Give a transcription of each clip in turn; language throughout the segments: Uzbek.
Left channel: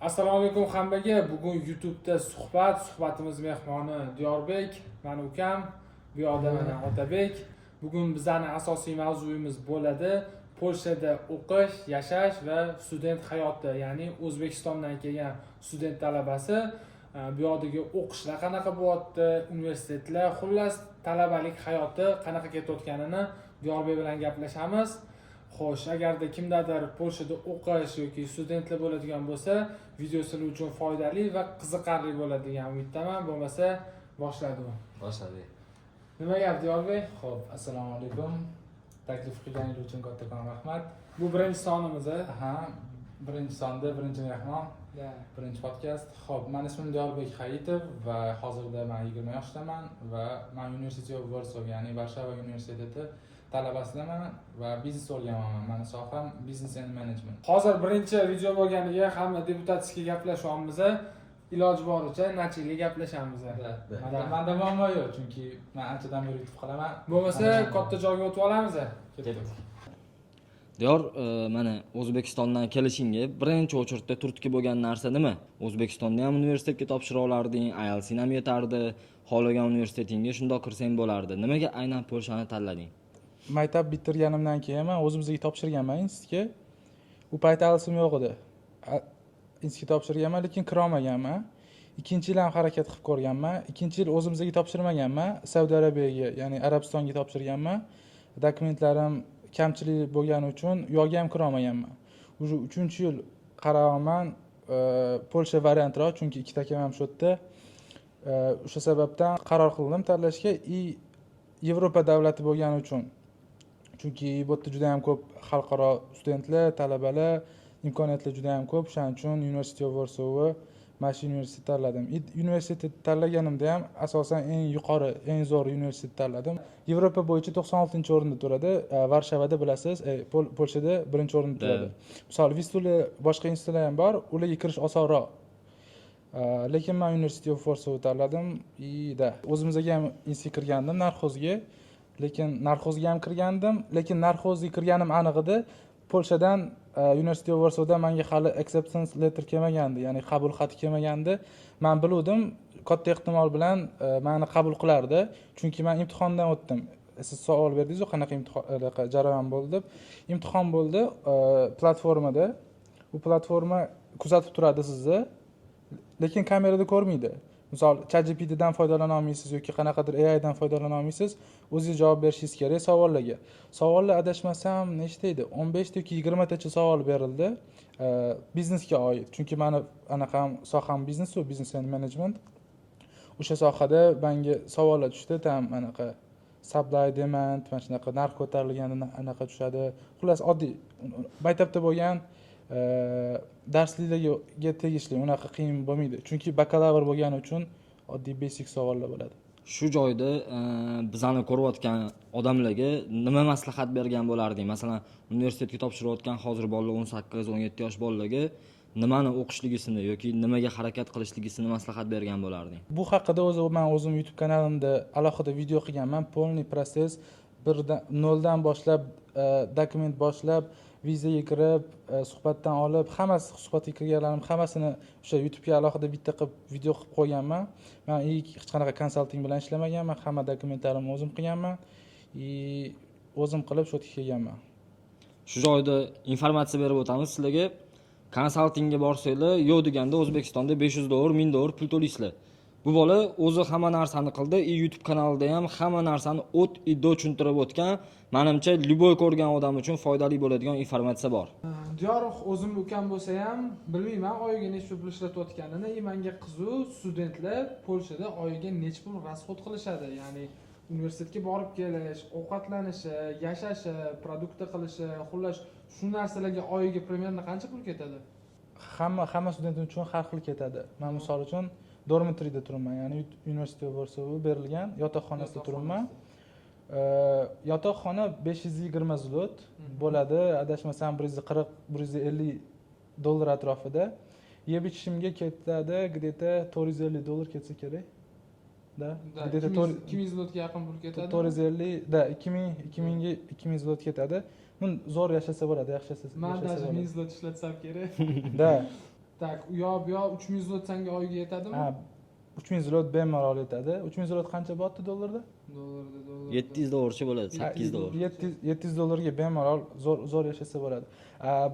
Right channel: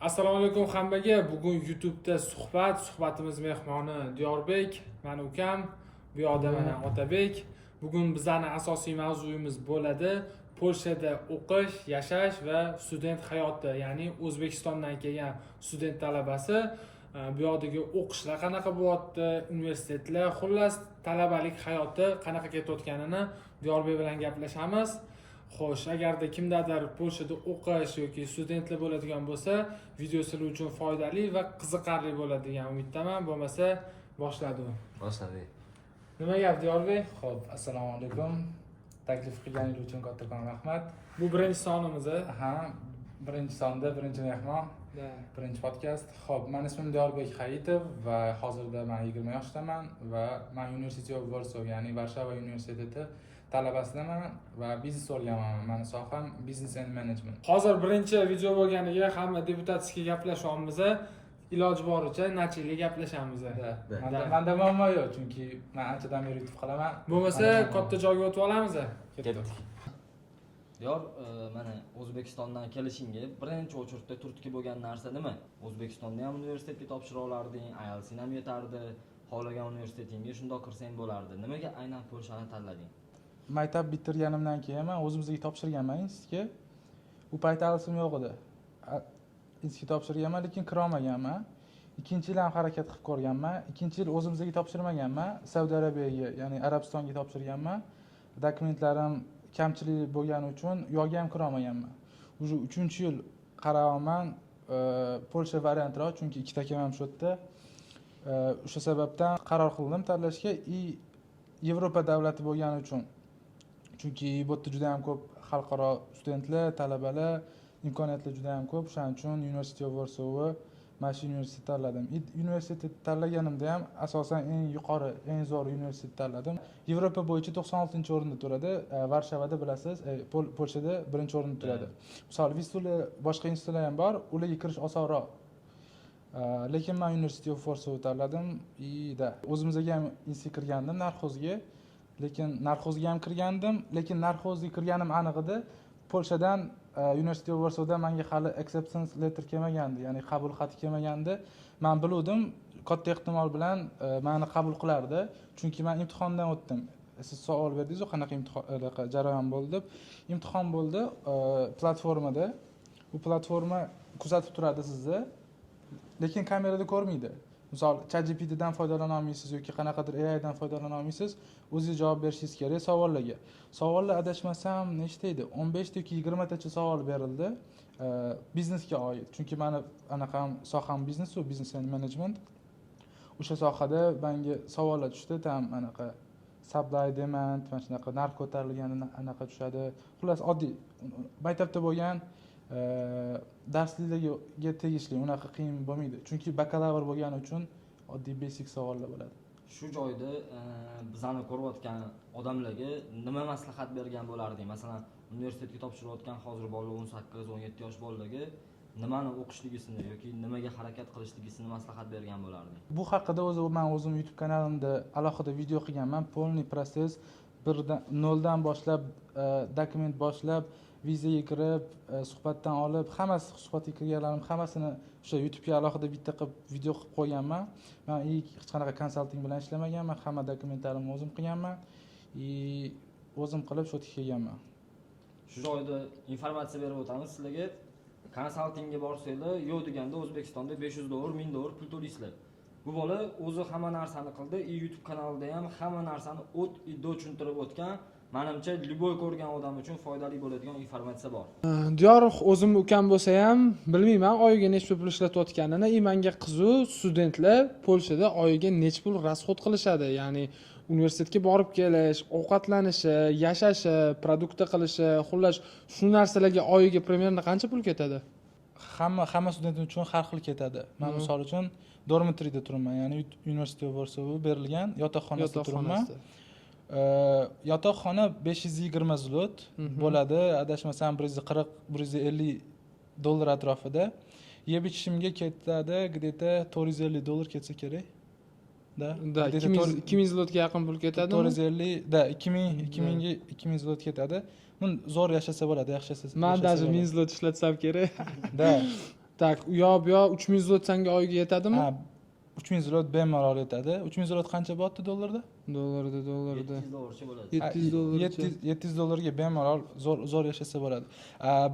Assalomu alaykum hammaga. Bugun YouTube'da suhbatimiz mehmoni Diyorbek, meni ukam, bu yoqda mana Otabek. Bugun bizning asosiy mavzuyimiz bo'ladi Polshada o'qish, yashash va student hayoti, ya'ni O'zbekistondan kelgan student talabasi bu yoqdagi o'qishlar qanaqa bo'lyapti, universitetlar, xullas talabalik hayoti qanaqa ketayotganini Diyorbek bilan gaplashamiz. Xo'sh, agarda kimdadir Polshada o'qish yoki studentlar bo'ladigan bo'lsa, video sizlar uchun foydali va qiziqarli bo'ladi degan umiddaman. Bo'lmasa, boshladik. Nima gap, Diyorbek? Xo'p, assalomu alaykum. Taklif qilganingiz uchun kattakon rahmat. Bu birinchi sonimiz. Aha, birinchi sonda birinchi mehmon, birinchi podkast. Xo'p, men ismim Diyorbek Hayitov va hozirda men 20 yoshdaman va men University of Warsaw, ya'ni Varshava universiteti talabasidaman va biznes o'rganaman. Meni soham business and management. Hozir birinchi video bo'lganiga hamma deputatskiy gaplashyapmiz. Iloji boricha nachili gaplashamiz. Menda muammo yo'q, chunki men anchadan beri yutib qolaman. Bo'lmasa, katta joyga o'tib olamiz. Diyor, mana O'zbekistondan kelishingga birinchi o'chirtda turtki bo'lgan narsa nima? O'zbekistonda ham universitetga topshira olarding, IELTS ham yetardi, xohlagan universitetingga shundoq kirsang bo'lardi. Nimaga aynan Polshani tanlading? Maktab bitirganimdan keyin men o'zimizga topshirganman institutga. U payt IELTSim yo'q edi. Institutga topshirganman, lekin kira olmaganman. Ikkinchi yil ham harakat qilib ko'rganman. Ikkinchi yil o'zimizga topshirmaganman, Saudiya Arabiyaga, ya'ni Arabistonga topshirganman. Dokumentlarim kamchilik bo'lgani uchun u yoqqa ham kira olmaganman. Уже 3-yil qarayapman, Polsha variantroq, chunki ikkita akam ham shu yerda. O'sha sababdan qaror qildim tanlashga, Yevropa davlati bo'lgani uchun. Chunki bu yerda juda ham ko'p xalqaro studentlar, talabalar, imkoniyatlar juda ham ko'p. Shuning uchun University of Warsaw mana shu universitetni tanladim. Universitet tanlaganimda ham asosan eng yuqori, eng zo'r universitet tanladim. Yevropa bo'yicha 96-o'rinda turadi. Varshavada bilasiz, Polshada 1-o'rinda turadi. Misol, Vistula boshqa institutlar ham bor, ularga kirish osonroq. Lekin men University of Warsaw tanladim. O'zimizga ham institutga kirgandim, narxozga. Lekin narxozga kirganim aniq edi. Polshadan University of Warsawdan menga hali acceptance letter kelmagandi, ya'ni qabul xati kelmagandi. Men biluvdim, katta ehtimol bilan meni qabul qilardi, chunki men imtihondan o'tdim. Siz savol berdingiz-ku, qanaqa jarayon bo'ldi deb. Imtihon bo'ldi platformada. Bu platforma kuzatib turadi sizni, lekin kamerada ko'rmaydi. Misol, ChatGPTdan foydalana olmaysiz yoki qanaqadir AI dan foydalana olmaysiz. O'zingiz javob berishingiz kerak savollarga. Savollar adashmasam nechta edi? 15 yoki 20 tacha savol berildi. Biznesga oid. Chunki meni anaqam soham biznes va business and management. O'sha sohada menga savollar tushdi, tam anaqa supply demand, mana shunaqa narx ko'tarilganda anaqa tushadi. Xullas oddiy maktabda bo'lgan darsliklarga tegishli, unaqa qiyin bo'lmaydi. Chunki bakalavr bo'lgani uchun oddiy basic savollar bo'ladi. Shu joyda bizani ko'rayotgan odamlarga nima maslahat bergan bo'larding? Masalan, universitetga topshirayotgan hozir bolalar 18-17 yosh bolalarga nimani o'qishligisini yoki nimaga harakat qilishligisini maslahat bergan bo'larding? Bu haqida men o'zim YouTube kanalimda alohida video qilganman. Polniy proses, noldan boshlab, dokument boshlab, vizaga kirib, suhbatdan olib, hammasi suhbatga kirganlarim hammasini o'sha YouTube'ga alohida bitta qilib video qilib qo'yganman. Men hech qanaqa konsalting bilan ishlamaganman, hamma dokumentlarimni o'zim qilganman. O'zim qilib shu yerga kelganman. Shu joyda informatsiya berib o'tamiz sizlarga. Konsaltingga borsanglar, yo'q deganda O'zbekistonda $500, $1000 pul to'laysizlar. Bu bola o'zi hamma narsani qildi, YouTube kanalida ham hamma narsani o't-iddo tushuntirib o'tgan. Menimcha, любой ko'rgan odam uchun foydali bo'ladigan informatsiya bor. Diyor, o'zim ukam bo'lsa ham bilmayman oyiga nechta pul ishlatayotganini. Menga qiziq, studentlar Polshada oyiga nechta pul расход qilishadi, ya'ni universitetga borib kelish, ovqatlanishi, yashashi, produkti qilishi, xullas shu narsalarga oyiga примерно qancha pul ketadi? Hamma student uchun har xil ketadi. Men misol uchun dormitoriyda turibman, ya'ni University of Warsaw berilgan yotoqxonasida turibman. Yotoqxona 520 zlot bo'ladi, adashmasam $140-150 atrofida. Yeb ichishimga ketadi, где-то $450 ketsa kerak. Da, 2000 zlotga yaqin pul ketadi. 450, da, 2000 zlot ketadi. Zo'r yashasa bo'ladi, yaxshi yashasa. Men даже 1000 zlot ishlatsam kerak. Da. Tak, u yoq bu yoq 3000 zlot senga oyiga yetadimi? Ha, 3000 zlot bemalol yetadi. 3000 zlot qancha bo'lyapti dollarda? Dollarda. 700 dollarcha bo'ladi. 700 dollar. 700 dollarga bemalol zo'r yashasa bo'ladi.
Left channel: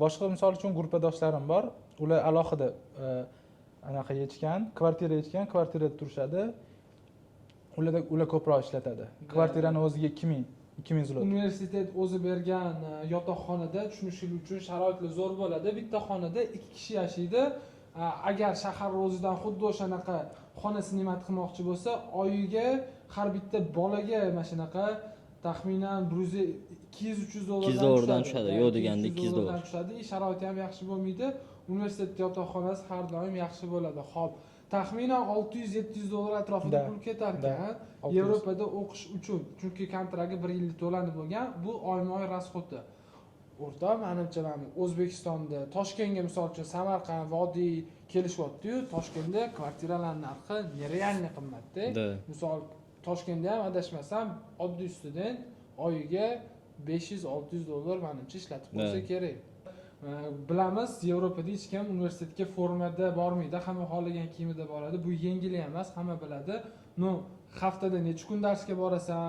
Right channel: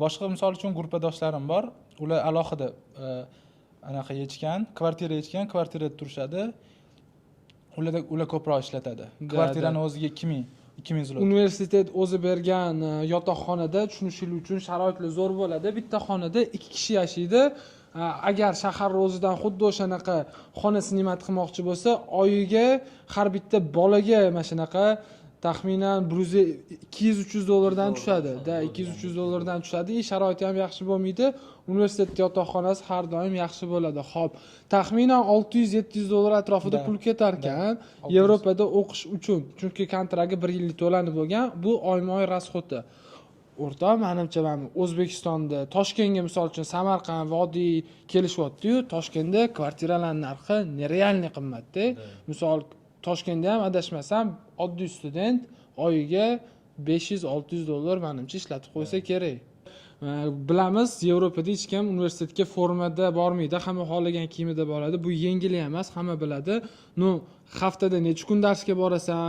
Boshqa misol uchun gruppadoshlarim bor. Ular alohida anaqa yechgan, kvartira yechgan, kvartirada turishadi. Ular ko'proq ishlatadi. Kvartirani o'ziga 2000 zlot. Universitet o'zi bergan yotoqxonada tushunishlik uchun sharoitlar zo'r bo'ladi. Bitta xonada 2 kishi yashaydi. Agar shahar o'zidan xuddi o'shanaqa xona sinimat qilmoqchi bo'lsa, oyiga har bitta bolaga mana shunaqa taxminan 200-300 dollardan tushadi. 200-300 dollardan tushadi. Sharoiti ham yaxshi bo'lmaydi. Universitet yotoqxonasi har doim yaxshi bo'ladi. Xo'p, taxminan 600-700 dollar atrofida pul ketar ekan Yevropada o'qish uchun. Chunki kontragi 1 yillik to'lanib bo'lgan, bu oyma-oy rasxoti. O'rtoq, menimcha mana O'zbekistonda Toshkentga misol uchun Samarqand, Vodiy kelishyapti-yu, Toshkentda kvartiralar narxi nerealniy qimmatda. Misol Toshkentda ham adashmasam, oddiy student oyiga 500-600 dollar menimcha ishlatib qo'ysa kerak. Bilamiz, Yevropada hech kim universitetga formada bormaydi, hamma xohlagan kiyimida boradi. Bu yengil emas, hamma biladi. Haftada necha kun darsga borasan,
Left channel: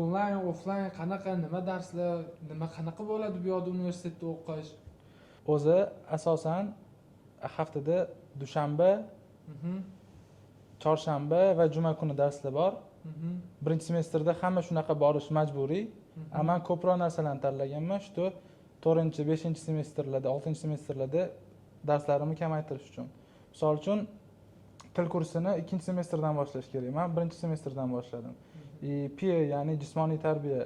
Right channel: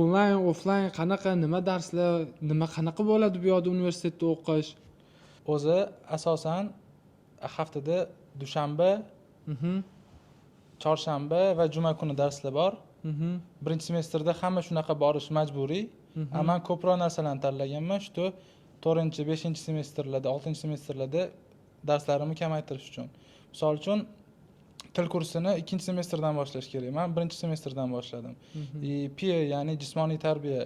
onlayn, offlayn qanaqa, nima darslar, qanaqa bo'ladi bu yoqda universitetda o'qish? O'zi asosan haftada dushanba, chorshanba va juma kuni darslar bor. Birinchi semestrda hamma shunaqa borish majburiy. Men ko'proq narsalarni tanlaganman, shu 4-5 semestrlarda, 6-semestrlarda darslarimni kamaytirish uchun. Misol uchun til kursini 2-semestrdan boshlash kerak. Men 1-semestrdan boshladim. PA, ya'ni jismoniy tarbiya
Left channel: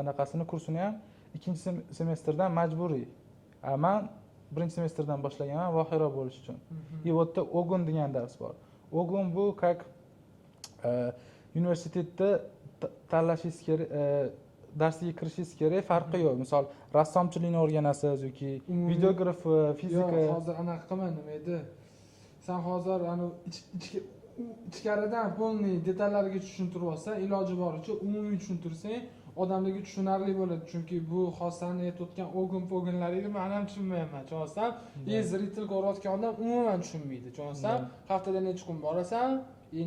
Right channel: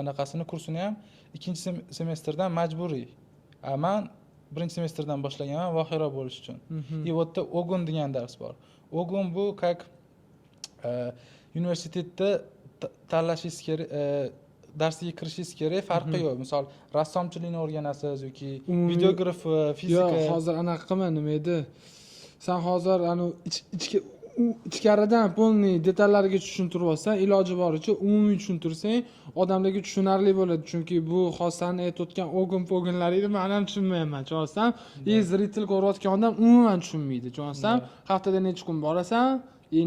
anaqasini kursini ham 2-semestrdan majburiy. Men 1-semestrdan boshlaganman vohira bo'lish uchun. Bu yerda Ogun degan dars bor. Ogun bu как universitetda tanlashingiz kerak, darsga kirishingiz kerak, farqi yo'q. Misol rassomchilikni o'rganasiz yoki videografiya, fizika. Yo'q, hozir anaqa qilma, nima edi? Sen hozir ichkaridan polniy detallarga tushuntirib olsan, iloji boricha umumiy tushuntirsang, odamlarga tushunarli bo'ladi. Chunki bu xosani aytayotgan ogun-pogunlaringni men ham tushunmayman. Chorasam, zritel ko'rayotgan odam umuman tushunmaydi. Chorasam, haftada necha kun borasan,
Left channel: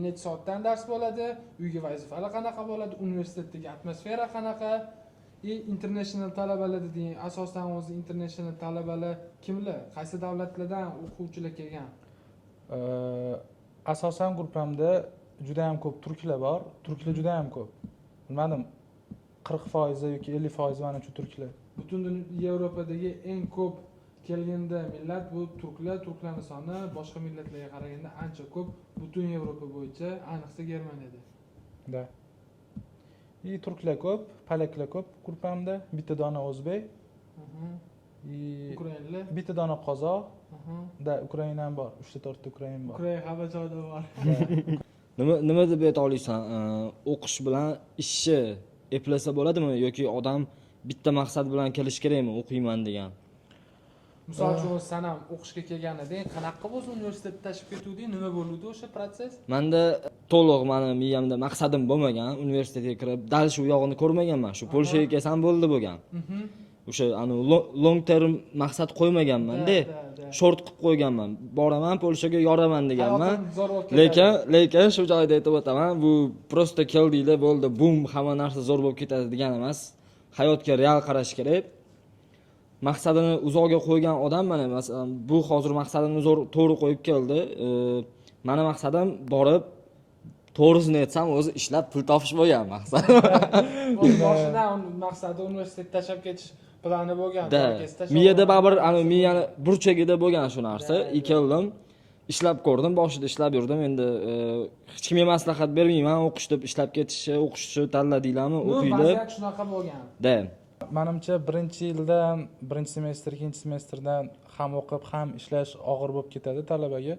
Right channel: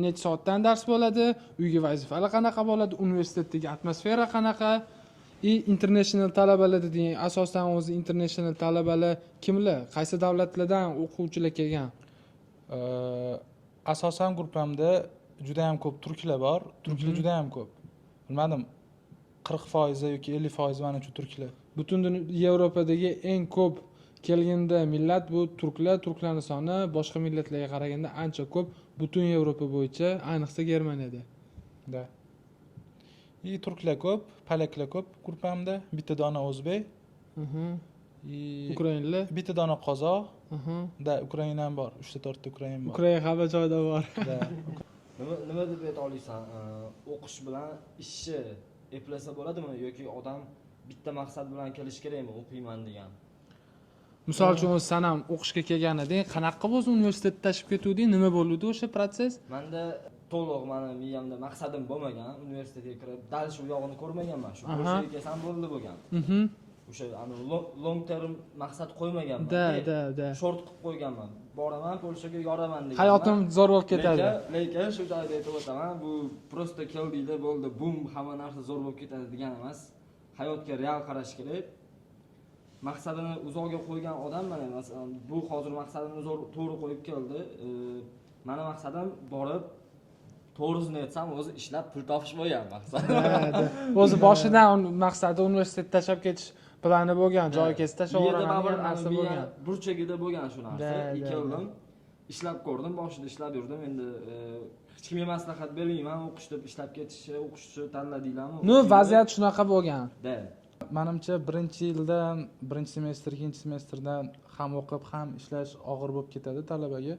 necha soatdan dars bo'ladi, uyga vazifalar qanaqa bo'ladi, universitetdagi atmosfera qanaqa, international talabalar dediğin asosan o'zi international talabalar kimlar? Qaysi davlatlardan o'quvchilar kelgan? Asosan gruppamda juda ham ko'p turklar bor. Turklar juda ham ko'p. Bilmadim, 40% yoki 50% menimcha turklar. Butun Yevropadagi eng ko'p kelganda millat bu turklar. Turklarning soni boshqa millatlarga qaraganda ancha ko'p. Butun Yevropa bo'yicha, ayniqsa Germaniyada. Da. Turklar ko'p, polaklar ko'p gruppamda. Bitta dona o'zbek. Ukrainlar. Bitta dona qozoq. Da, Ukraina ham bor. 3-4 ta Ukrain bor. Ukraina hamma joyda bor. Nima deb ayta olasan? O'qish bilan ishni eplasa bo'ladimi yoki odam bitta maqsad bilan kelish kerakmi, o'qiyman degan? Misol uchun sen ham o'qishga kelganiding, qanaqa bo'lsa universitetda tashib ketuvding, nima bo'ldi o'sha proses? Menda to'liq meni miyamda maqsadim bo'lmagan, universitetga kirib, dal shu yog'ini ko'rmaganman. Shu Polshaga kelsam bo'ldi bo'lgan. O'sha long term maqsad qo'ymaganman-da. Short qilib qo'yganman. Boraman Polshaga yoraman deganman. Hayotim zo'r bo'lib ketadi. Lekin shu joyda aytib o'taman, bu prosta keldinglar, bo'ldi, bum, hamma narsa zo'r bo'lib ketadi degan emas. Hayotga real qarash kerak. Maqsadini uzoqga qo'ygan odam mana masalan bu hozir maqsadini to'g'ri qo'yib keldi. Meni maqsadim borib to'g'risini aytsam o'zi ishlab pul topish bo'lgan maqsad. O'zi boshidan maqsadi universitetni tashlab ketish plani bo'lgan, joyga tashlab. Miyada baribir miyani burchagida bo'lgan shu narsa. Keldim, ishlab ko'rdim, boshida ishlab yurdim. Endi hech kimga maslahat bermayman, o'qish deb ishlab ketishni, o'qishni tanladinglarmi? Vaziyat shunaqa bo'lgan. Da. Menimcha 1-yildan, 1-semestr, 2-semestrdan ham o'qib, ham ishlash og'ir bo'lib ketadi talabaga.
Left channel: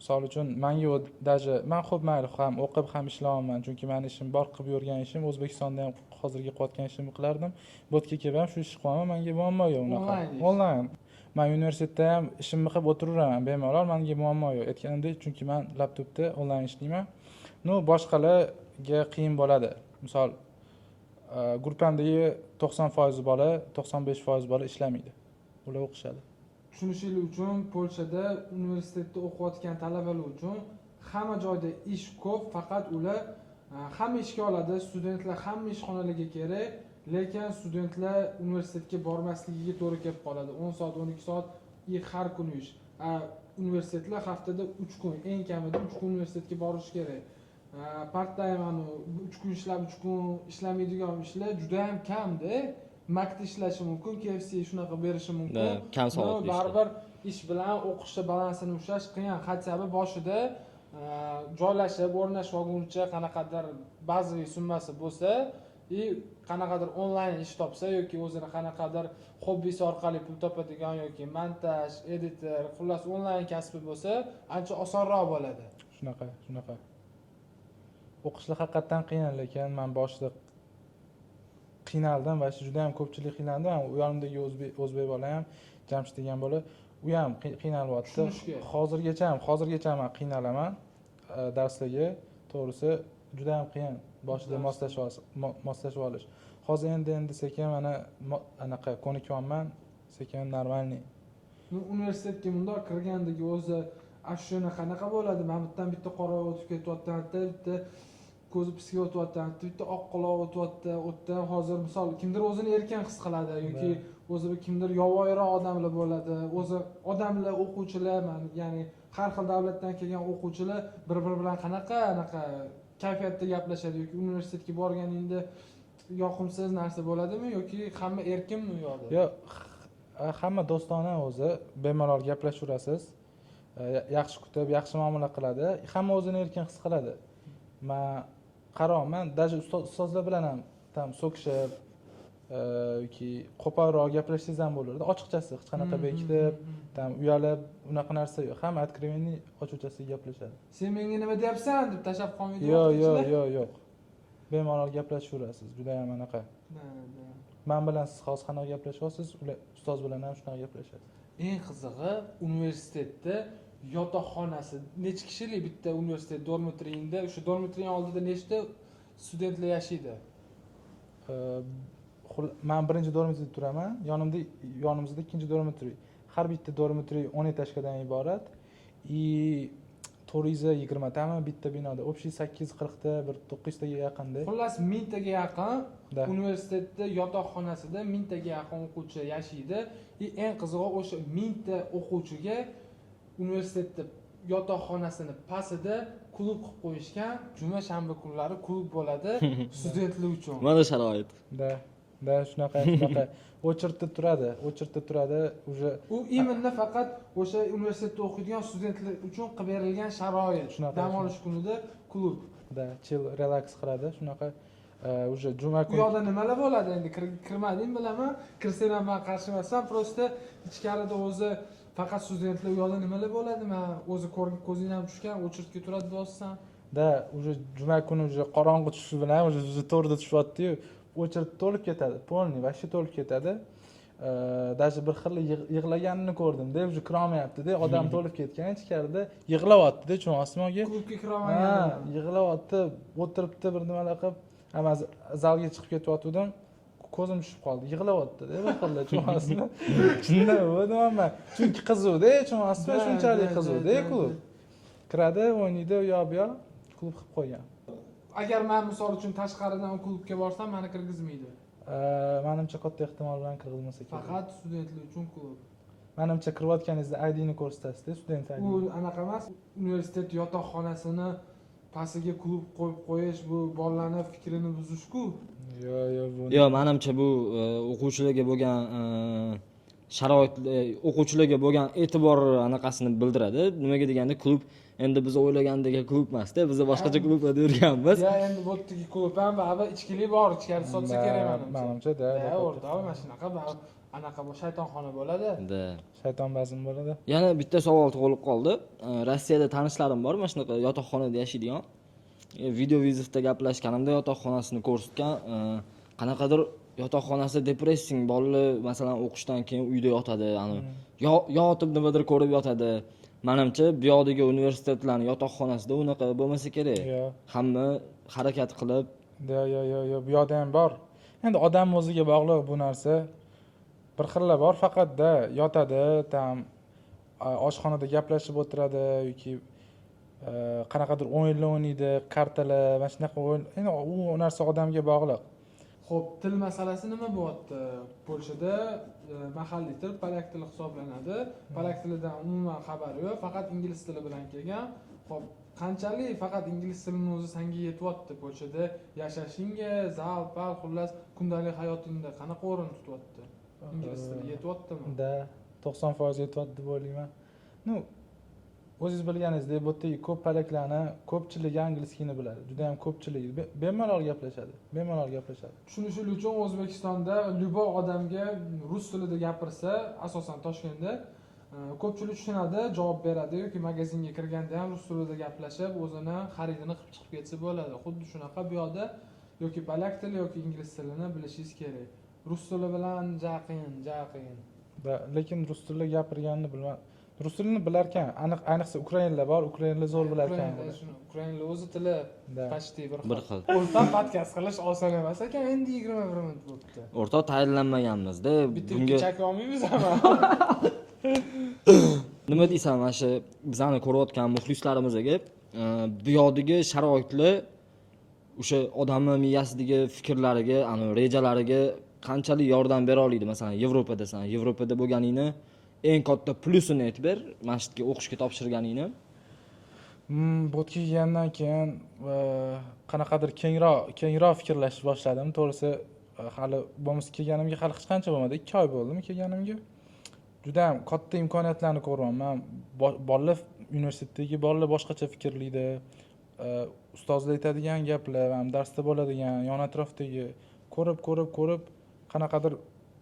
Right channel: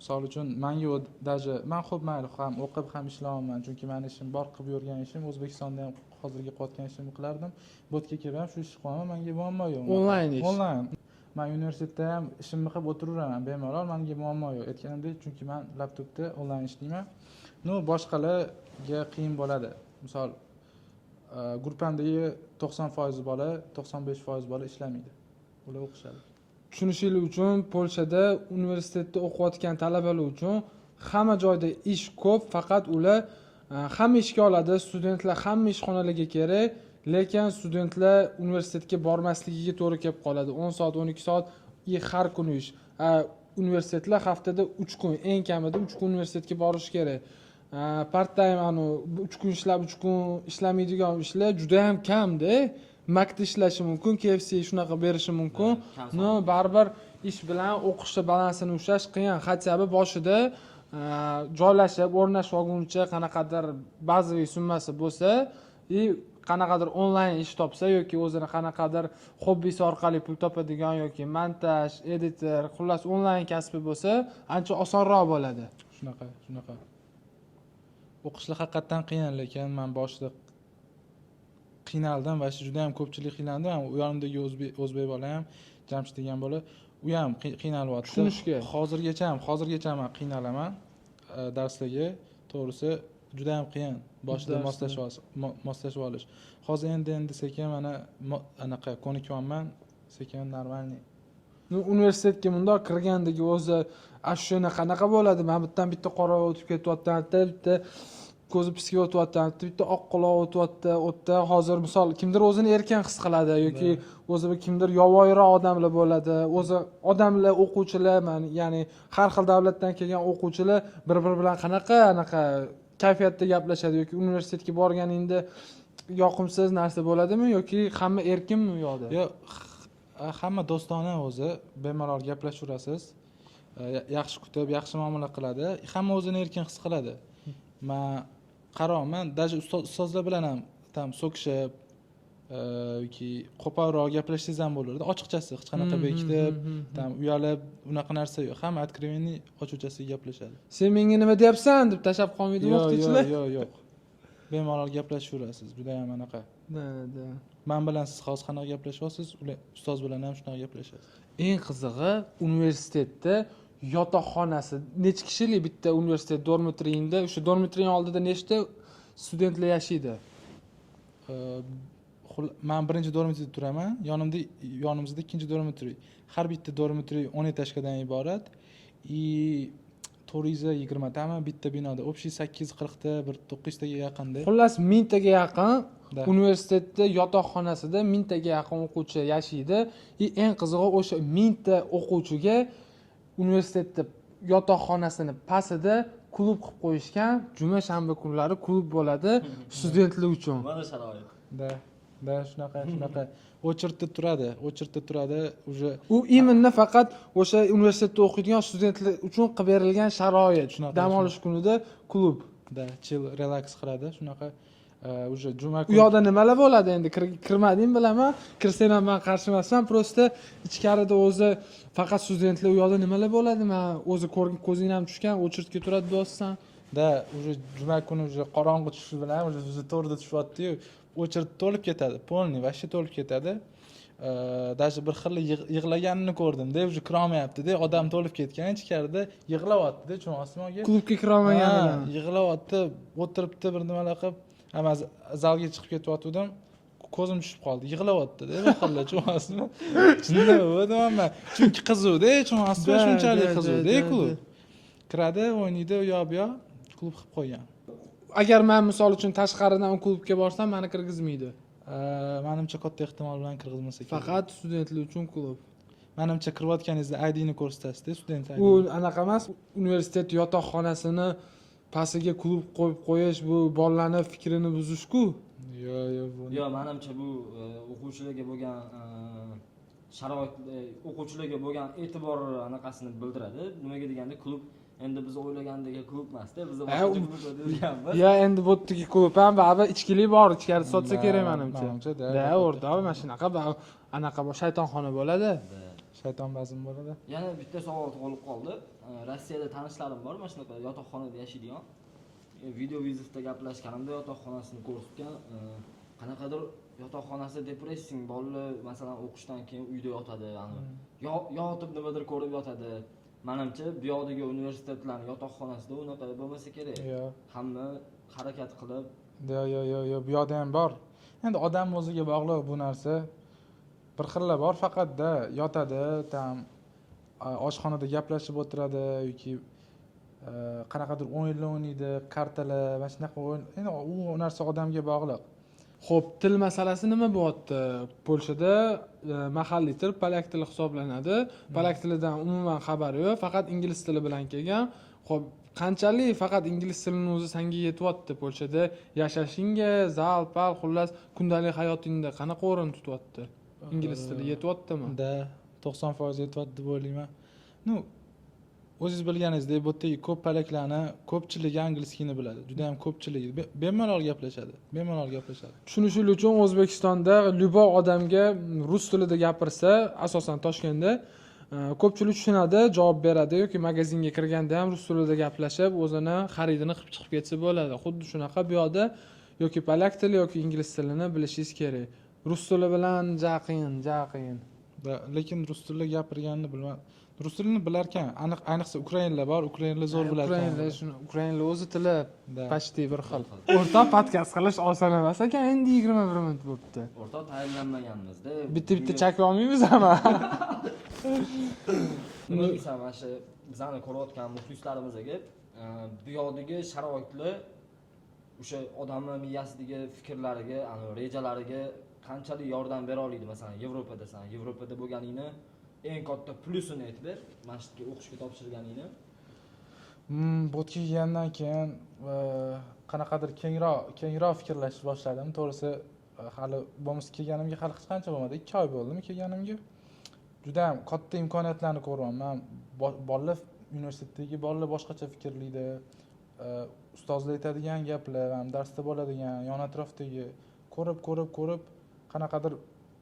Misol uchun menga даже men xo'p mayli ham o'qib ham ishlayman, chunki meni ishim bor, qilib yurgan ishim O'zbekistonda ham hozirgi qilayotgan ishimni qilardim. Bu yerga kelib ham shu ishni qilaman, menga muammo yo'q. Onlayn. Men universitetda ham ishimni qilib o'tiraveraman, bemalol, menga muammo yo'q. Aytganimdek, chunki men laptopda onlayn ishlayman. Boshqalarga qiyin bo'ladi. Misol gruppamdagi 90% bola, 95% bola ishlamaydi. Ular o'qishadi. tushunishingiz uchun Polshada universitetda o'qiyotgan talabalar uchun hamma joyda ish ko'p, faqat ular hamma ishga oladi, studentlar hamma ishxonalarga kerak, lekin studentlar universitetga bormasligiga to'g'ri kelib qoladi. 10 soat, 12 soat har kuni ish. Universitetlar haftada 3 kun, eng kamida 3 kun universitetga borish kerak. Part-time 3 kun ishlab, 3 kun ishlamaydigan ishlar juda ham kamda. Maktab ishlashi mumkin, KFC shunaqa berishi mumkin. No, baribir ish bilan o'qishni balansini ushlash qiyin. Xatsabi boshida joylashib, o'rnashib olguncha qanaqadir bazaviy summasi bo'lsa, qanaqadir onlayn ish topsa yoki o'zini qanaqadir hobbisi orqali pul topadigan yoki montaj, editor, xullas onlayn kasbi bo'lsa, ancha osonroq bo'ladi. Shunaqa. O'qishlar haqiqatan qiyin, lekin men boshida qiynaldim va juda ham ko'pchilik qiynaldi. U yonimdagi o'zbek bola ham, Jamshid degan bola, u ham qiynalyapti. Tushunishga. Hozirgacha men qiynalaman darslarga. To'g'risi juda ham qiyin boshida moslashib olish. Hozir endi sekin mana anaqa ko'nikyapman, sekin normalniy. Universitetga bundoq kirgandagi o'zi ashuna qanaqa bo'ladi? Men bitta qora o'tib ketyapti, bitta ko'zi pisga o'tyapti, bitta oq quloq o'tyapti. Hozir misol kimdir o'zini erkin his qiladi yoki o'zi kimdir yovvoyiroq odamlar bo'ladi. O'zi odamlar, o'quvchilar, ya'ni har xil davlatdan kelgan o'quvchilar bir-biri bilan anaqa kayfiyatda gaplashadi yoki universitetga borganingda yoqimsiz narsa bo'ladimi yoki hamma erkinmi u yoqda? Yo'q, hamma do'stona o'zi, bemalol gaplashaverasiz. Yaxshi kutib, yaxshi muomala qiladi. Hamma o'zini erkin his qiladi. Men qarayman, даже ustozlar bilan ham tam so'kishib yoki qo'polroq gaplashsangiz ham bo'lardi. Ochiqchasi, hech qanaqa bekitib, tam uyalib, unaqa narsa yo'q. Hamma откровенный ochiqchasiga gaplashadi. Sen menga nima deyapsan deb tashab qolmaydi o'qituvchilar? Yo'q. Bemalol gaplashaverasiz. Juda ham anaqa. Men bilan siz hozir qanaqa gaplashyapsiz, ular ustoz bilan ham shunaqa gaplashadi. Eng qizig'i, universitetda yotoqxonasi necha kishilik bitta universitet dormitriyingda, o'sha dormitrining oldida nechta studentlar yashaydi? Men birinchi dormitriyda turaman, yonimizda ikkinchi dormitriy. Har bitta dormitriy 10 etajdan iborat. 420 tami bitta binoda, общий 840 ta, bir 900 taga yaqinda. Xullas 1000 taga yaqin universitetda yotoqxonasida 1000 taga yaqin o'quvchi yashaydi. Eng qizig'i o'sha 1000 ta o'quvchiga universitetda yotoqxonasini pastida klub qilib qo'yishgan. Juma shanba kunlari klub bo'ladi studentlar uchun. Mana sharoit. Da shunaqa. O'chirtib turadi. Уже u именно faqat o'sha universitetda o'qiydigan studentlar uchun qilib berilgan sharoit. Dam olish kunida klub. Chill, relax qiladi, shunaqa. Уже juma kuni. U yoqda nimalar bo'ladi endi? Kirmading bilaman. Kirsang ham men qarshi emasman. Prosta ichkarida o'zi faqat studentlar u yoqda nimalar bo'ladi? Men o'zi ko'zing ham tushgan, o'chirtga turadi deyapsan. Уже juma kuni уже qorong'i tushishi bilan уже 4da tushyapti-yu, o'chirt to'lib ketadi. Polniy, вообще to'lib ketadi. Даже bir xil yig'laganini ko'rdim-da, уже kirolmayapti-da, odam to'lib ketgan ichkarida, yig'layapti-da, cho'ng osmonga. Klubga kirolmaganini. Yig'layapti, o'tiribdi bir nimalar qilib. Ama zalga chiqib ketyaptim, ko'zim tushib qoldi. Yig'layapti-da, bir xil cho'ng osmonga. Shunday bo'ldi-da, chunki qizuvda, cho'ng osmonga shunchalik qizuvda klub. Kiradi, o'ynaydi, u yoq bu yoq klub qilib qo'ygan. Agar men misol uchun tashqaridan klubga borsam, meni kirgizmaydi. Menimcha katta ehtimol bilan kirgizmasa kerak. Faqat studentlar uchun klub. Menimcha kirayotganingizda ID ni ko'rsatasiz-da, student ID. U anaqa emas, universitet yotoqxonasini pastiga klub qo'yib qo'yish, bu bolalarning fikrini buzish-ku. Yo'q, menimcha bu o'quvchilarga bo'lgan sharoit, o'quvchilarga bo'lgan e'tibor anaqasini bildiradi. Nimaga deganda klub endi biz o'ylagandek klub emas-da, biz boshqacha klublarda yurganmiz. Endi bu yerdagi klub ham baribir ichkilik bor, ichkarida sotsa kerak menimcha. Menimcha-da. O'rtoq, mana shunaqa anaqa shaytonxona bo'ladi. Shayton bazm bo'ladi. Yana bitta savol tug'ilib qoldi. Rossiyada tanishlarim bor, mana shunaqa yotoqxonada yashaydigan. Video vizitda gaplashganimda yotoqxonasini ko'rsatgan, qanaqadir yotoqxonasi depressing, bolalar masalan o'qishdan keyin uyda yotadi, yotib nimadir ko'rib yotadi. Menimcha bu yoqdagi universitetlarning yotoqxonasida unaqa bo'lmasa kerak. Hamma harakat qilib. Yo'q, bu yoqda ham bor. Endi odam o'ziga bog'liq bu narsa. bir xillar bor, faqatda yotadi, tam oshxonada gaplashib o'tiradi yoki qanaqadir o'yinlar o'ynaydi, kartalar, mana shunaqa o'yin. Endi u narsa odamga bog'liq. Xo'p, til masalasi nima bo'lyapti? Polshada mahalliy til polyak tili hisoblanadi. Polyak tilidan umuman xabari yo'q, faqat ingliz tili bilan kelgan. Xo'p, qanchalik faqat ingliz tilining o'zi senga yetyapti Polshada yashashingga, zal-pal, xullas kundalik hayotingda qanaqa o'rin tutyapti? Ingliz tili yetyaptimi? Da 90% yetyapti deb o'ylayman. Ну, o'zingiz bilganingizdek, bu yerdagi ko'p polaklarni ko'pchiligi anglizkini biladi. Juda ham ko'pchiligi bemalol gaplashadi. Bemalol gaplashadi. Tushunish uchun O'zbekistonda lyuboy odamga rus tilida gapirsa, asosan Toshkentda ko'pchilik tushunadi, javob beradi yoki magazinga kirganda ham rus tilida gaplashib, o'zini xaridini qilib chiqib ketsa bo'ladi. Xuddi shunaqa bu yoqda yoki polak tili yoki ingliz tilini bilishingiz kerak. Rus tili bilan qiyin. Lekin rus tilida gapirganini bilman. Rus tilini bilarkan, ayniqsa ukrainlar bor, ukrainlar zo'r bilarkan. Ukrainlar o'zi tili Da. почти bir xil. O'rtoq podkast qilish oson emas ekan, endi 21 minut bo'libdi. O'rtoq tayinlanmaganmiz-da. Bitta chakib olmaymiz ama. Nima desam, mana shu bizani ko'rayotgan muxlislarimizga bu yoqdagi sharoitlar o'sha odamni miyasidagi fikrlariga, rejalariga qanchalik yordam bera oladi? Masalan, Yevropada bo'lganingni eng katta plyusini aytib ber, masjidga o'qishga topshirganingni. Bu kelgandan keyin qanaqadir kengroq fikrlashni boshladim. To'g'risi, hali bo'lmasa kelganimga hali hech qancha bo'lmadi. 2 oy bo'ldimi kelganimga. Juda ham katta imkoniyatlarni ko'ryapman. Bolalar universitetdagi bolalar boshqacha fikrlaydi. Ustozlar aytadigan gaplar, ham darsda bo'ladigan, yon atrofdagi ko'rib qanaqadir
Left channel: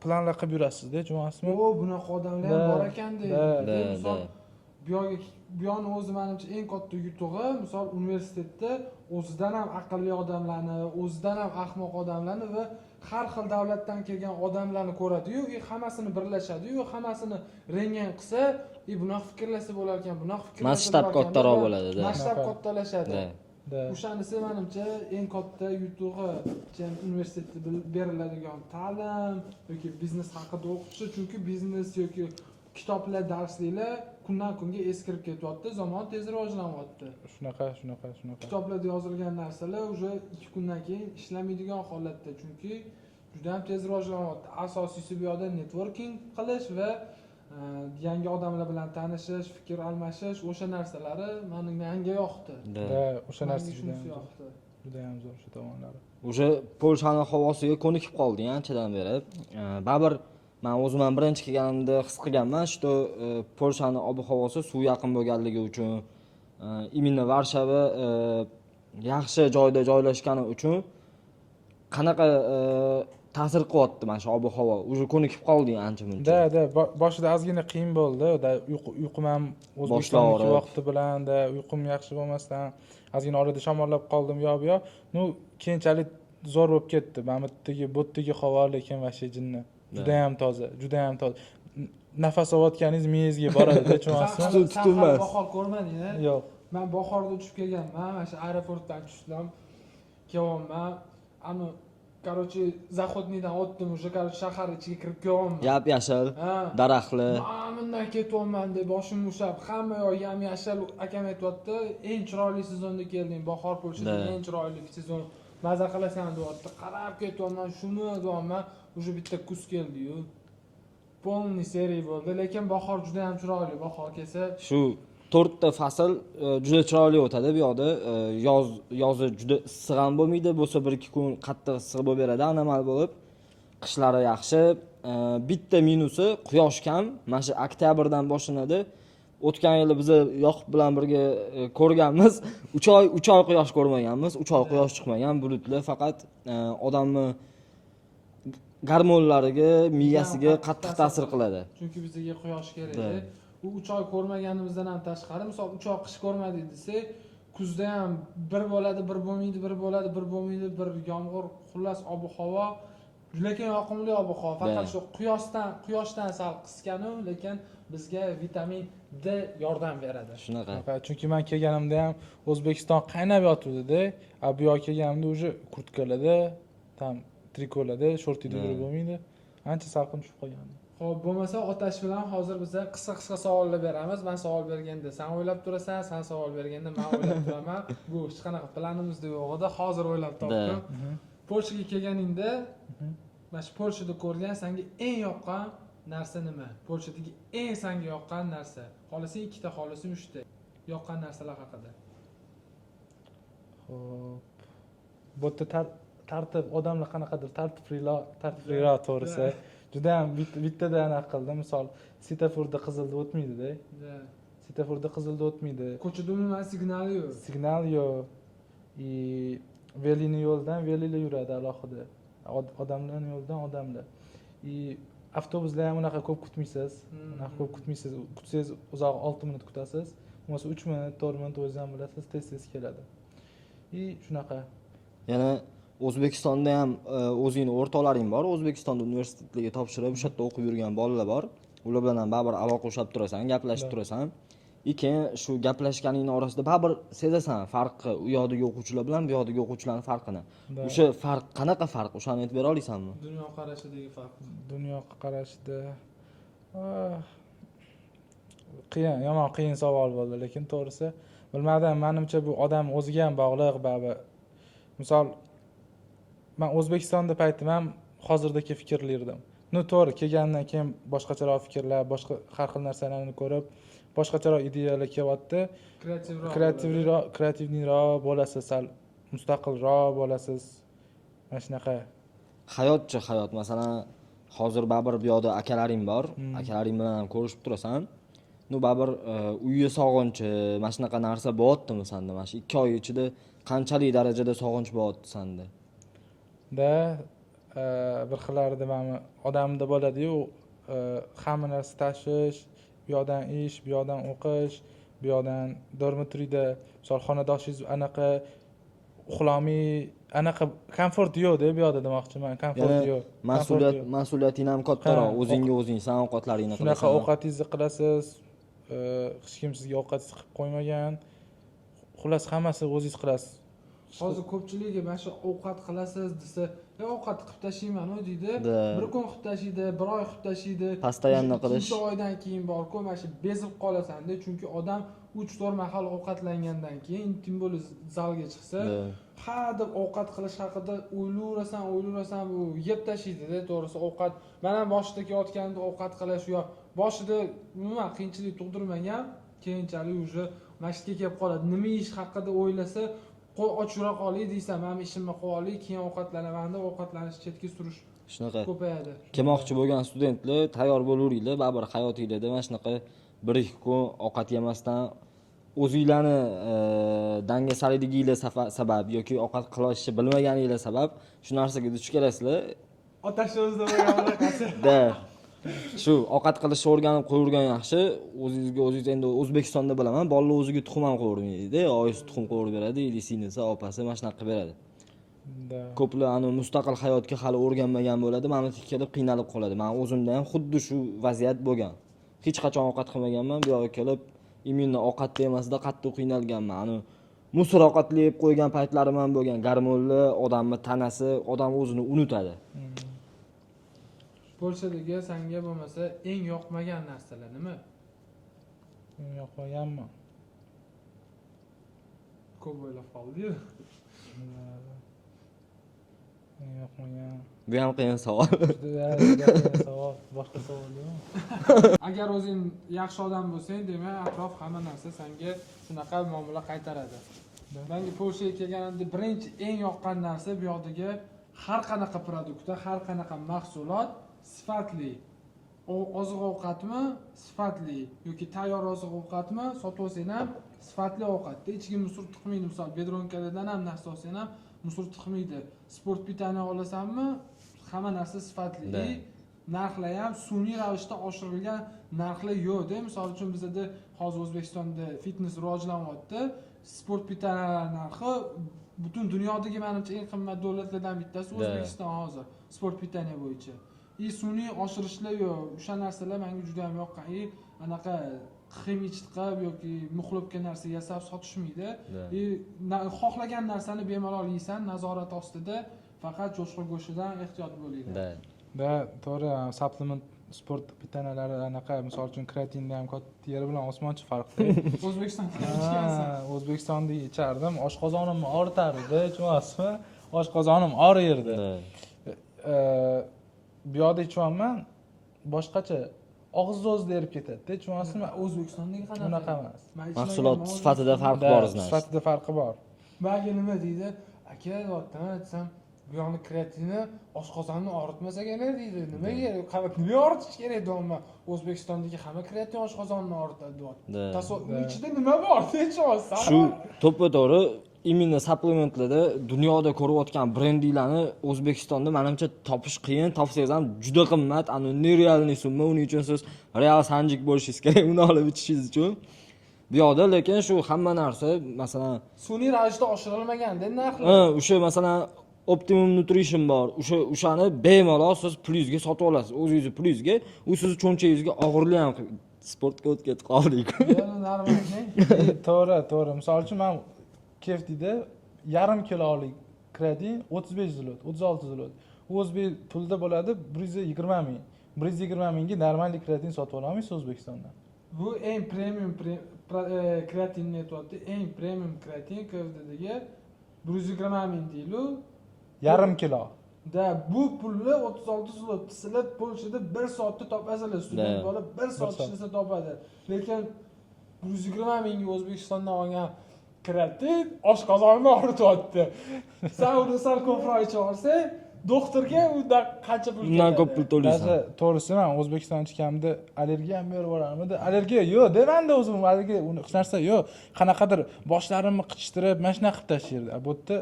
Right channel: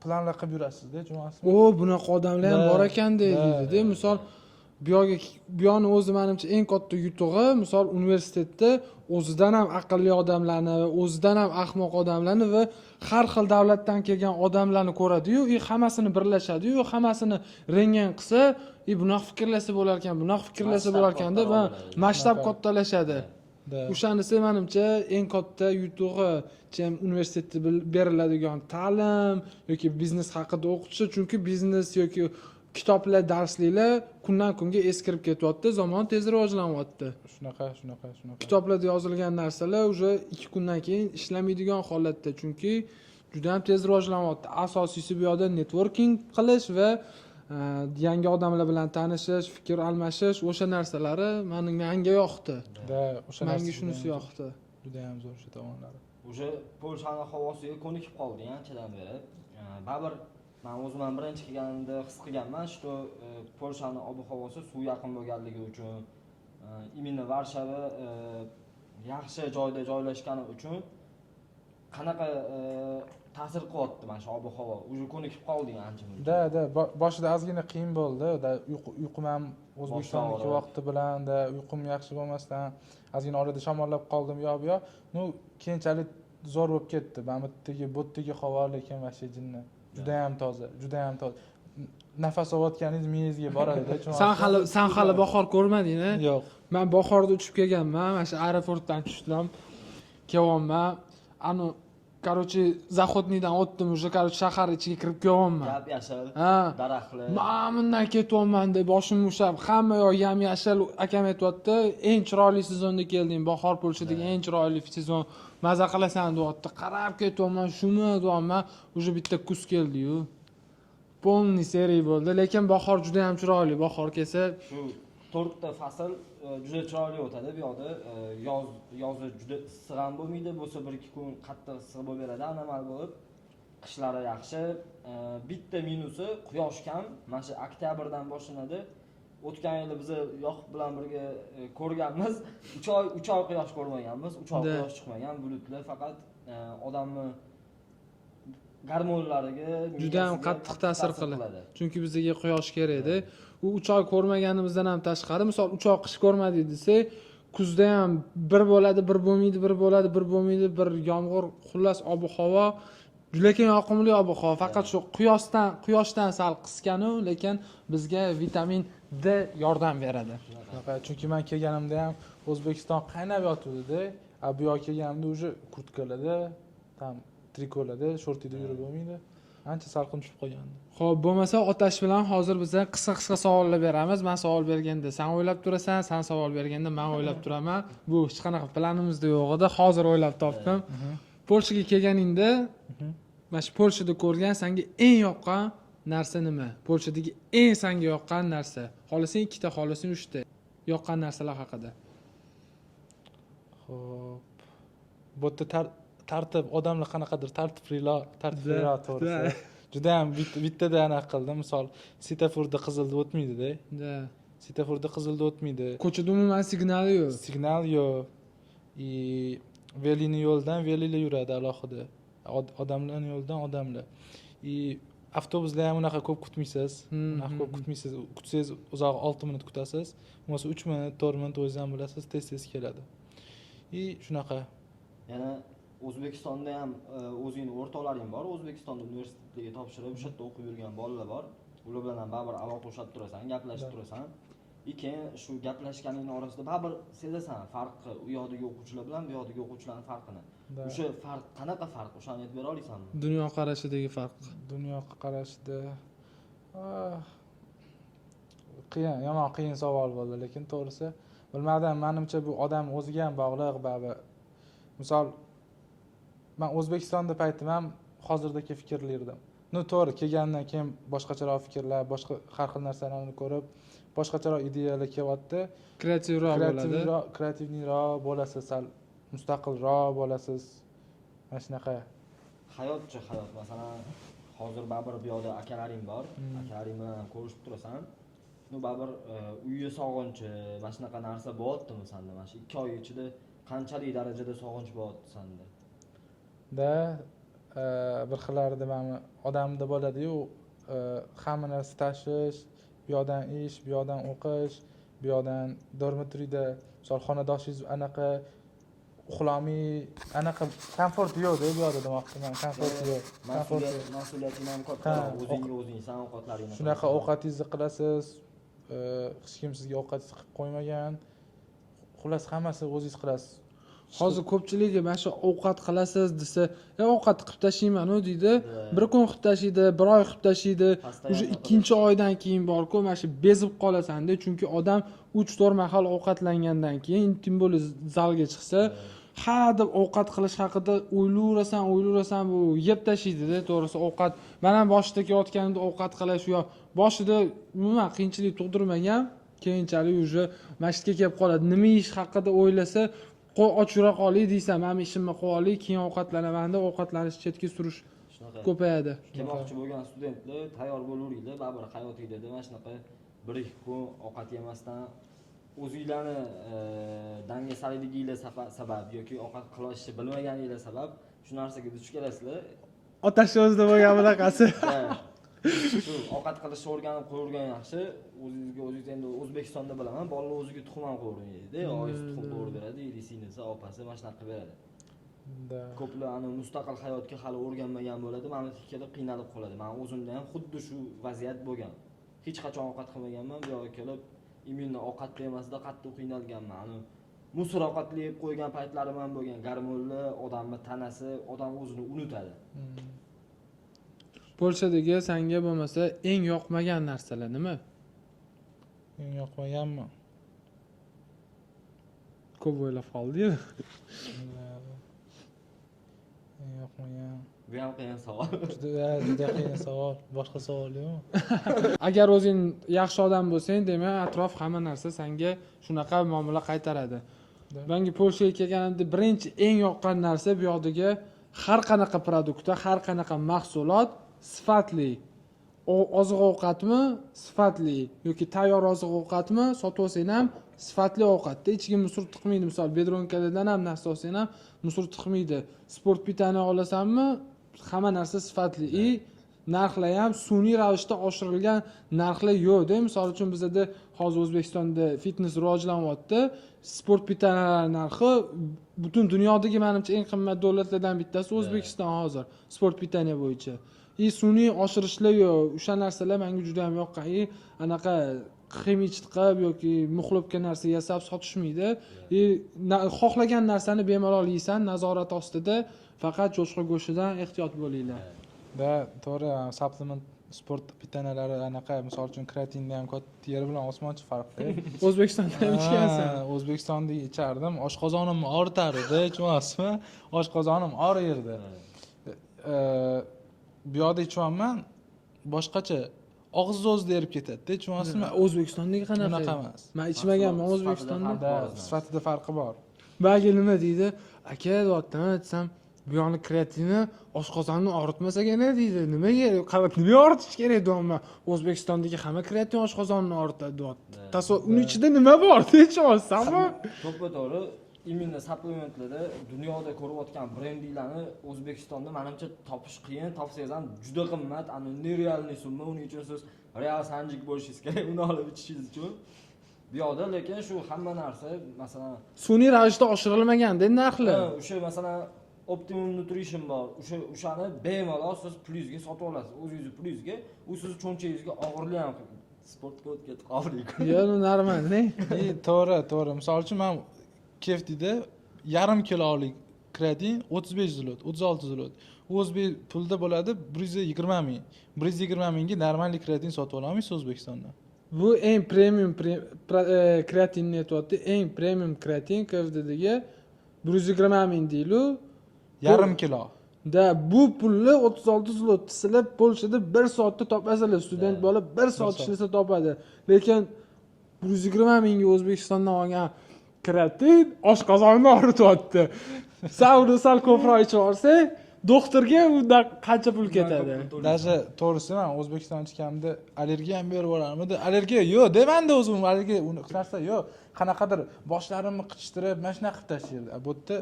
planlar qilib yurasizda, tushunasizmi? Bunaqa odamlar ham bor ekan deydi. Misol bu yoqni o'zi menimcha eng katta yutug'i, misol universitetda o'zidan ham aqlli odamlarni, o'zidan ham ahmoq odamlarni va har xil davlatdan kelgan odamlarni ko'radi-yu, hammasini birlashadi-yu, hammasini rengan qilsa, bunaqa fikrlasa bo'lar ekan, bunaqa fikrlasa bo'lar ekan deb masshtab kattalashadi. O'shanisi menimcha eng katta yutug'i universitetda beriladigan ta'lim yoki biznes haqida o'qitish, chunki biznes yoki kitoblar, darsliklar kundan kunga eskirib ketyapti, zamon tez rivojlanyapti. Shunaqa. Kitoblarda yozilgan narsalar уже 2 kundan keyin ishlamaydigan holatda, chunki juda ham tez rivojlanyapti. Asosiysi bu yoqda networking qilish va yangi odamlar bilan tanishish, fikr almashish, o'sha narsalari menga yoqdi. O'sha narsa shunisi yoqdi. Juda ham zo'r shu tomonlari. O'sha Polshaning havosiga ko'nikib qoldik anchadan beri. Baribir men o'zim ham birinchi kelganimda his qilganman, shu Polshaning ob-havosi suv yaqin bo'lganligi uchun, imенно Varshava yaxshi joyda joylashgani uchun qanaqa ta'sir qilyapti mana shu ob-havo. Уже ko'nikib qoldik ancha-muncha. Boshida ozgina qiyin bo'ldi. Uyqum ham O'zbekistondagi vaqti bilan uyqum yaxshi bo'lmasdan ozgina orada shamollab qoldim bu yoq. Keyinchalik zo'r bo'lib ketdi. Mana bu yerdagi havo lekin vashey jinni. Juda ham toza. Nafas olayotganingiz miyangizga boradi-da, tushunasizmi? Sen hali bahor ko'rmading-a? Yo'q. Men bahorda uchib kelganman, mana shu aeroportdan tushdim. Kelyapman. Zahodniydan o'tdim, уже shahar ichiga kirib kelyapman. Yap-yashil, daraxtlar. Bundan ketyapman deb boshim ushab, hamma yoq yam-yashil. Akam aytayapti, eng chiroyli sezonda kelding, bahor Polshadagi eng chiroyli sezon. Maza qilasan deyapti. Qarab ketyapman, shuni deyapman, уже bitta kuz keldi-yu. Polniy seriya bo'ldi, lekin bahor juda ham chiroyli. Bahor kelsa, shu 4 ta fasl juda chiroyli o'tadi bu yoqda. Yozi juda issiq ham bo'lmaydi, bo'lsa 1-2 kun qattiq issiq bo'lib beradi, anomal bo'lib. Qishlari yaxshi. Bitta minusi quyosh kam. Mana shu oktyabrdan boshlanadi. O'tgan yili biz Yoqub bilan birga ko'rganmiz. 3 oy quyosh ko'rmaganmiz. 3 oy quyosh chiqmagan, bulutlar faqat odamni gormonlariga, miyasiga qattiq ta'sir qiladi. Chunki bizga quyosh kerak edi. U 3 oy ko'rmaganimizdan ham tashqari, misol 3 oy qish ko'rmadik desak, kuzda ham bir bo'ladi, bir bo'lmaydi, bir bo'ladi, bir bo'lmaydi, bir yomg'ir, xullas ob-havo lekin yoqimli ob-havo. Faqat shu quyoshdan sal qisqanu, lekin bizga vitamin D yordam beradi. Shunaqa. Chunki men kelganimda ham O'zbekiston qaynab yotibdi-da. Bu yoqqa kelganimda уже kurtkalarda, tam trikolarda, shortida yurib bo'lmaydi. Ancha salqin tushib qolgandi. Xo'p, bo'lmasa otash bilan hozir biza qisqa savollar beramiz. Men savol berganda sen o'ylab turasan, sen savol berganda men o'ylab turaman. Bu hech qanaqa planimizda yo'q edi. Hozir o'ylab topdim. Polshaga kelganingda, mana shu Polshada ko'rgan senga eng yoqqan narsa nima? Polshadagi eng senga yoqqan narsa. Xohlasang ikkita, xohlasang uchta. Yoqqan narsalar haqida. Xo'p. Bu yerda tartib, odamlar qanaqadir tartibliroq to'g'risi. Juda ham bittada anaqa qildim. Misol, svetoforda qizilda o'tmaydi-da. Da. Svetoforda qizilda o'tmaydi. Ko'chada umuman signali yo'q. Signal yo'q. Velini yo'ldan velilar yuradi alohida. Odamlarning yo'ldan odamlar. Avtobuslar ham unaqa ko'p kutmaysiz. Unaqa ko'p kutmaysiz. Kutsangiz uzoq 6 minut kutasiz. Bo'lmasa 3 minut, 4 minut o'zingiz ham bilasiz, tez keladi. Shunaqa. Yana O'zbekistonda ham o'zingni o'rtoqlaring bor, O'zbekistonda universitetlarga topshirib, o'sha yerda o'qib yurgan bolalar bor. Ular bilan ham baribir aloqa ushlab turasan, gaplashib turasan. Keyin shu gaplashganingni orasida baribir sezasan farqni, u yoqdagi o'quvchilar bilan bu yoqdagi o'quvchilarning farqini. O'sha farq qanaqa farq? O'shani aytib bera olasanmi? Dunyo qarashidagi farq. Dunyo qarashida qiyin savol bo'ldi, lekin to'g'risi bilmadim. Menimcha bu odam o'ziga ham bog'liq, baribir. Misol, men O'zbekistonda paytim ham hozirdagi fikrlardim. To'g'ri, kelgandan keyin boshqacharoq fikrlar, boshqa har xil narsalarni ko'rib, boshqacharoq ideyalar kelyapti. Kreativroq bo'lasiz, sal mustaqilroq bo'lasiz. Mana shunaqa. Hayot, masalan, hozir baribir bu yoqda akalaring bor, akalaring bilan ham ko'rishib turasan. Baribir uyga sog'inchi, mana shunaqa narsa bo'lyaptimi senda? Mana shu 2 oy ichida qanchalik darajada sog'inch bo'lyapti senda? Bir xillarida mana odamda bo'ladi-yu, hamma narsa tashvish, bu yoqdan ish, bu yoqdan o'qish, bu yoqdan dormitoriyda, misol xonadoshingiz anaqa uxlamiy, anaqa komfort yo'q-da bu yoqda demoqchiman, komfort yo'q. Mas'uliyating ham kattaroq, o'zingga o'zing san ovqatlaringni qilasan. Shunaqa ovqatingizni qilasiz, hech kim sizga ovqatingizni qilib qo'ymagan. Xullas hammasi o'zingiz qilasiz. Hozir ko'pchiligi mana shu ovqat qilasiz desa, ovqat qilib tashlayman-ku deydi. Bir kun qilib tashlaydi, bir oy qilib tashlaydi. Ikkinchi oydan keyin borku, mana shu bezib qolasan-da, chunki odam 3-4 mahal ovqatlangandan keyin tim bo'lib zalga chiqsa, ha deb ovqat qilish haqida o'ylayverasan, bu yeb tashlaydi-da, to'g'risi ovqat. Men ham boshida kelayotganimda ovqat qilish yo'q. Boshida umuman qiyinchilik tug'dirmagan, keyinchalik уже masjidga kelib qoladi. Nima ish haqida o'ylasa, ochura qolay deysan, men ishimni qilib olay, keyin ovqatlanaman deb ovqatlanish chetga surish shunaqa ko'payadi. Kelmoqchi bo'lgan studentlar tayyor bo'laveringlar, baribir hayotingizda mana shunaqa 1-2 kun ovqat yemasdan o'zinglarni dangasaliginglar sabab yoki ovqat qilishni bilmaganinglar sabab shu narsaga duch kelasizlar. Otash o'zida bo'lgan bunaqasi. Shu ovqat qilishni o'rganib qo'yurgan yaxshi. O'zingiz endi O'zbekistonda bilaman, bolalar o'ziga tuxum ham qo'yvermaydi. Oyisi tuxum qo'yib beradi, singlisi, opasi mana shunaqa qilib beradi. Ko'plar mustaqil hayotga hali o'rganmagan bo'ladi, mana kelib qiynalib qoladi. Men o'zimda ham xuddi shu vaziyat bo'lgan. Hech qachon ovqat qilmaganman, bu yoqqa kelib immuniy ovqat yemasida qattiq qiynalganman. Musor ovqatli yeb qo'ygan paytlarim ham bo'lgan. Gormonlar, odamning tanasi, odam o'zini unutadi. Polshadagi senga bo'lmasa eng yoqmagan narsalar nima? Eng yoqmaganmi? Ko'p o'ylab qoldi-yu. Eng yoqmagan. Bu ham qiyin savol. Juda qiyin savol. Boshqa savol yo'qmi? Agar o'zing yaxshi odam bo'lsang, demak, atrof hamma narsa senga shunaqa muomala qaytaradi. Menga Polshaga kelganimda birinchi eng yoqqan narsa bu yoqdagi har qanaqa produktlar, har qanaqa mahsulot sifatli. Oziq-ovqatmi sifatli yoki tayyor oziq-ovqatmi sotib olsang ham sifatli ovqatda hech kim musur tiqmaydi. Misol bedronkalardan ham narsa olsang ham musur tiqmaydi. Sport pitani olasanmi, hamma narsa sifatli. Narxlar ham sun'iy ravishda oshirilgan narxlar yo'q-da. Misol uchun bizda hozir O'zbekistonda fitnes rivojlanyapti. Sport pitani narxi butun dunyodagi menimcha eng qimmat davlatlardan bittasi O'zbekiston hozir sport pitani bo'yicha. Sun'iy oshirishlar yo'q. O'sha narsalar menga juda ham yoqqan. Anaqa ximiychit qilib yoki muxlobga narsa yasab sotishmaydi. Xohlagan narsani bemalol yeysan, nazorat ostida, faqat cho'chqa go'shtidan ehtiyot bo'linglar. To'g'ri, supplement sport pitanalari anaqa, misol uchun kreatinda ham katta yeri bilan osmoncha farqda. O'zbekistondan ichgansan. O'zbekistonda ichardim, oshqozonimni og'ritardi, tushunasizmi? Oshqozonim og'riydi. Bu yoqda ichyoman, boshqacha og'iz o'zida erib ketadi, tushunasizmi? O'zbekistondagi qanaqa? Unaqa emas. Men Mahsulot ichmaganman. sifatida farqi Da, bor значит. sifatida farqi bor. Bagi nima deydi? Aka deyaptimi desam, bu yoqni kreatinni oshqozonni og'ritmas ekan deydi. Nimaga? Nima og'ritish kerak deyapman. O'zbekistondagi hamma kreatin oshqozonni og'ritadi deyapti. Da. Tasavvur ichida nima bor? Deyapsan. To'ppa-to'g'ri imенно supplementlarda dunyoda ko'rayotgan brendinglarni O'zbekistonda menimcha topish qiyin, topsangiz ham juda qimmat, ani nerealniy summa, uning uchun siz real sanjik bo'lishingiz kerak uni olib ichishingiz uchun. Bu yoqda lekin shu hamma narsa, masalan, Sun'iy ravishda oshirilmagan-da narxlar. o'sha masalan Optimum Nutrition bor. O'shani bemalol siz plyusga sotib olasiz. O'zingiz plyusga, u sizni cho'nchagingizga og'irlik ham sportga o'tib ketib qoldik. Yo, normalda. To'g'ri. Misol uchun men Keftida yarim kilolik kreatin 35 zlot, 36 zlot. O'zbek pulda bo'ladi 120 ming. 120 mingga normalniy kreatin sotib olamiz O'zbekistonda. Bu eng premium kreatinni aytyapti. Eng premium kreatin KFDga 120 ming deylu. Yarim kilo. Da bu pulni 36 zlot silab Polshada 1 soatda topasizlar. Student bola 1 soat ishlasa topadi. Lekin 120 mingga O'zbekistondan olgan kreatin oshqozonni og'rityapti. Saudi sal ko'proq ichib olsa, doktorga unda qancha pul Undan ko'p pul ketadi? to'laysan. Даже to'g'risi men O'zbekistonda ichganimda allergiya ham berib yuboramidi. Allergiya yo'q, demanda o'zim allergiya unaqa narsa yo'q. Qanaqadir boshlarimni qichtirib, mana shunaqa qilib tashlaydi. Bu yerda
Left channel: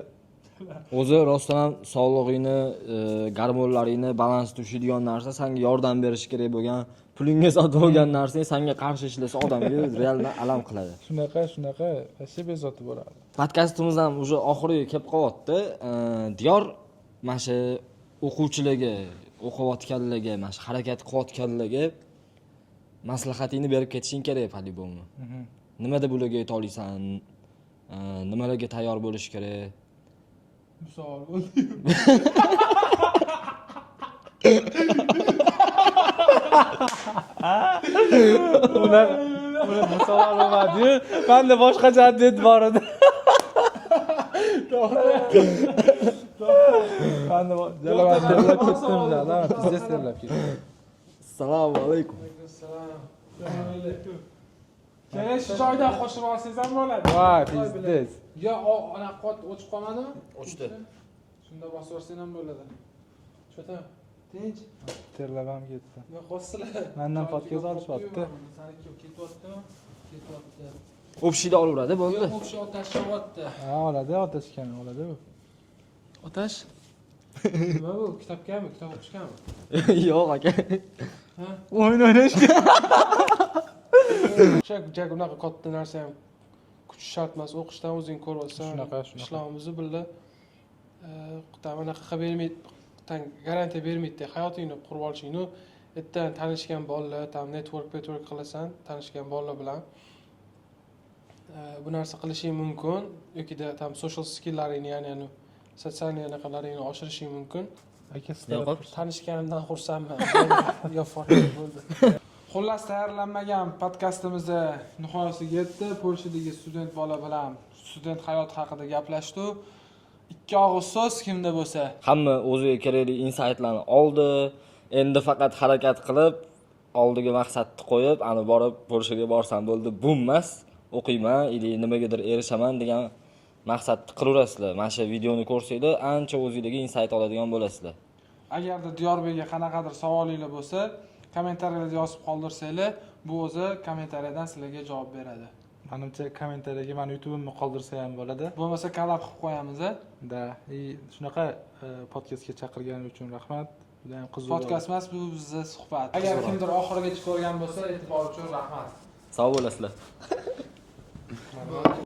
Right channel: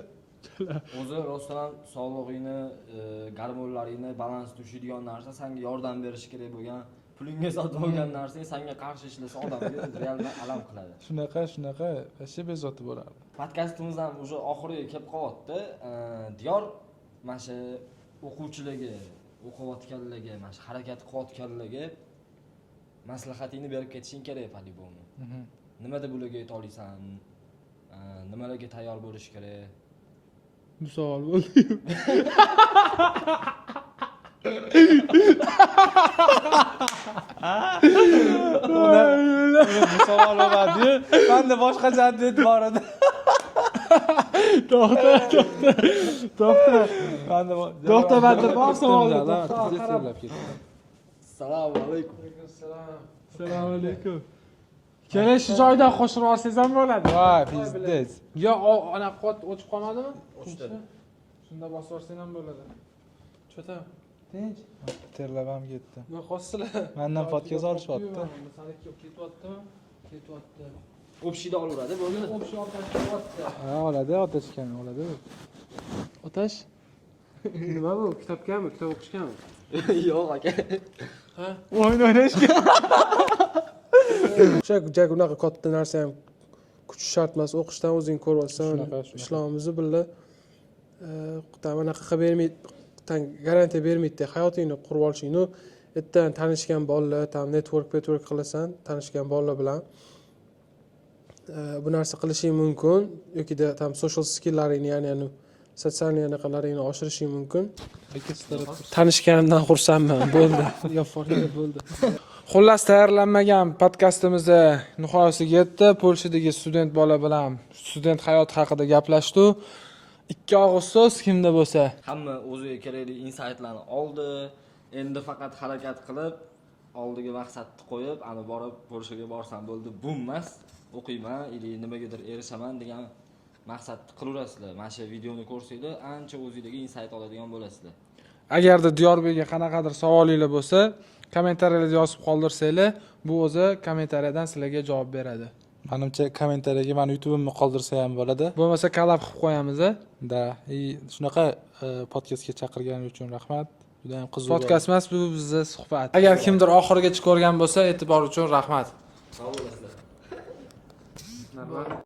O'zi rostdan ham sog'lig'ingni, gormonlaringni balans tushadigan narsa senga yordam berishi kerak bo'lgan, pulingga sotib olgan narsang senga qarshi ishlasa odamga realman alam qiladi. shunaqa вообще bezovta bo'ladi. Podkastimiz ham уже oxiriga kelib qolyapti. Diyor mana shu o'quvchilarga, o'qiyotganlarga, mana shu harakat qilayotganlarga maslahatingni berib ketishing kerak по-любому. Nimada bularga yeta olasan? Nimalarga tayyor bo'lish kerak? Misol bo'l. Ular misol olmadi. Menda boshqa javob bor edi. To'xta. Menda Assalomu alaykum. Assalomu alaykum. Kelish joyda qo'shib olsangiz ham bo'ladi. Voy, pizdes. Yo, ana qot o'chib qolmadimi? O'chdi. Shunda bosib olsang ham bo'ladi. Chota. Tinch. Terlab ham ketdi. Nima qolsizlar? Mendan podcast olishyapti. Saniki ketyaptimi? Ketyapti. O'pishida olaveradi, bo'ldi. O'sha otash qilyapti. Ha, oladi, otashgan, oladi. Otash? Nima bu? Kitobgami? Kitob o'qishganmi? Yo'q aka. Ha? O'yin o'ynashga. O'sha unaqa katta narsa ham kuch shart emas. O'qishdan o'zing ko'ryapsan. Shunaqa. Ishlarimizni birga anaqa qilib bermaydi. Garantiya bermaydi. Hayotingni qurib olishingni ertadan tanishgan bolalar, tam network qilasan, tanishgan bolalar bilan bu narsa qilishing mumkin yoki tam social skilllaringni, ya'ni sotsial anaqalaringni oshirishing mumkin. Tanishganimdan xursandman. Bo'ldi. Yo, bo'ldi. Xullas, tayyorlanmagan podkastimizni nihoyasiga yetdi. Polshadagi student bola bilan student hayoti haqida gaplashdik. 2 og'iz so'z kimda bo'lsa. Hamma o'ziga kerakli insightlarni oldi. Endi faqat harakat qilib, oldiga maqsadni qo'yib, ani borib Polshaga borsam bo'ldi, bu emas, o'qiyman, ili nimagadir erishaman degan maqsadni qiraverasizlar. Mana shu videoni ko'rsanglar, ancha o'zingizga insight oladigan bo'lasizlar. Agarda Diyorbekga qanaqadir savolinglar bo'lsa, kommentariyalarda yozib qoldirsanglar, bu o'zi kommentariyadan sizlarga javob beradi. Menimcha kommentariyaga meni YouTube'imni qoldirsa ham bo'ladi. Bo'lmasa collab qilib qo'yamiz. Da, shunaqa podcastga chaqirganing uchun rahmat. Juda ham qiziq. Podkast emas, bu bizning suhbat. Agar kimdir oxirigacha ko'rgan bo'lsa, e'tibor uchun rahmat. Sog' bo'lasizlar.